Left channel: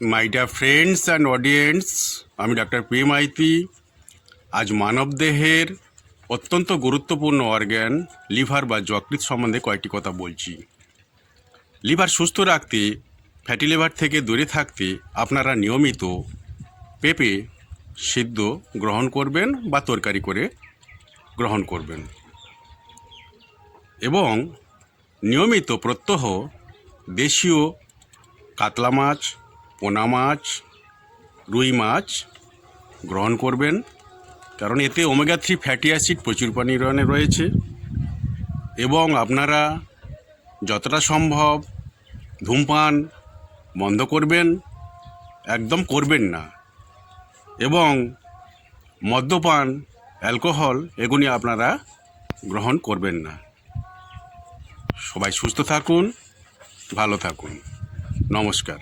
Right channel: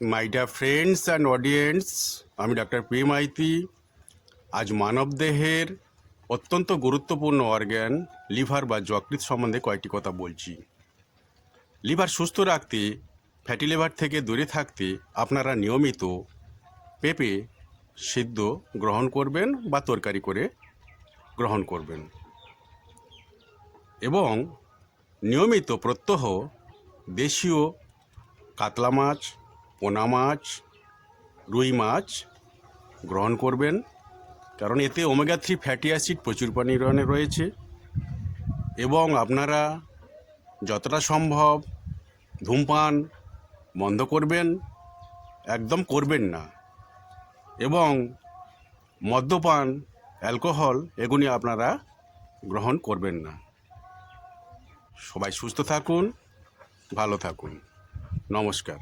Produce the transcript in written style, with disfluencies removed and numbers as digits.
My dear friends and audience, আমি doctor P Maiti. আজ মানবদেহের অত্যন্ত গুরুত্বপূর্ণ অর্গান লিভার বা যকৃৎ সম্বন্ধে কয়েকটি কথা বলছি। লিভার সুস্থ রাখতে, ফ্যাটি লিভার থেকে দূরে থাকতে আপনারা নিয়মিত পেঁপে সিদ্ধ গ্রহণ করবেন বা তরকারি করে গ্রহণ করবেন এবং নিয়মিত প্রত্যহ দেশীয় কাতলা মাছ, পোনা মাছ, রুই মাছ গ্রহণ করবেন, কারণ এতে ওমেগা 3 ফ্যাটি অ্যাসিড প্রচুর পরিমাণে রয়েছে। এবং আপনারা যতটা সম্ভব ধূমপান বন্ধ করবেন, একদম করবেন না। এবং মদ্যপান, অ্যালকোহল এগুলি আপনারা গ্রহণ করবেন না। সবাই সুস্থ থাকুন, ভালো থাকুন। নমস্কার।